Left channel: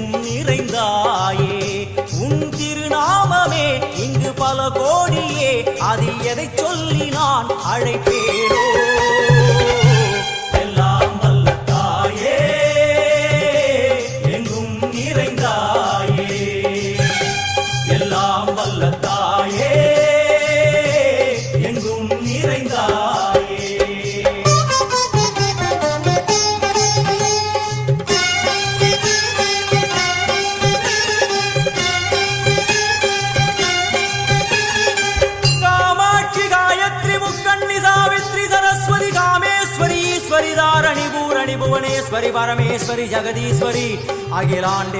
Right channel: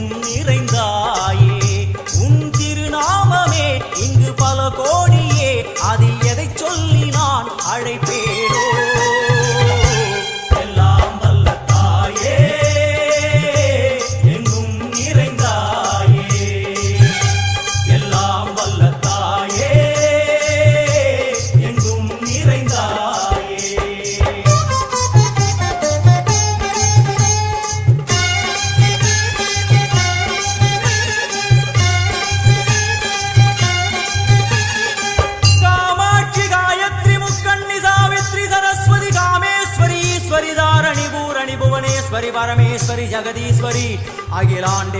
எங்கும் நிறைந்தாயே. உன் திருநாமமே இங்கு பல கோடியே, அதில் எதை சொல்லி நான் அழைப்பேனோ. எல்லாம் வல்ல தாயே, எங்கும் நிறைந்தாயே. எல்லாம் வல்ல தாயே, எங்கும் நிறைந்தாயே. ईश्वरी दारणी भूरणी भुवनेश्वरी परमेश्वरी जगदीश्वरी अखिलांडे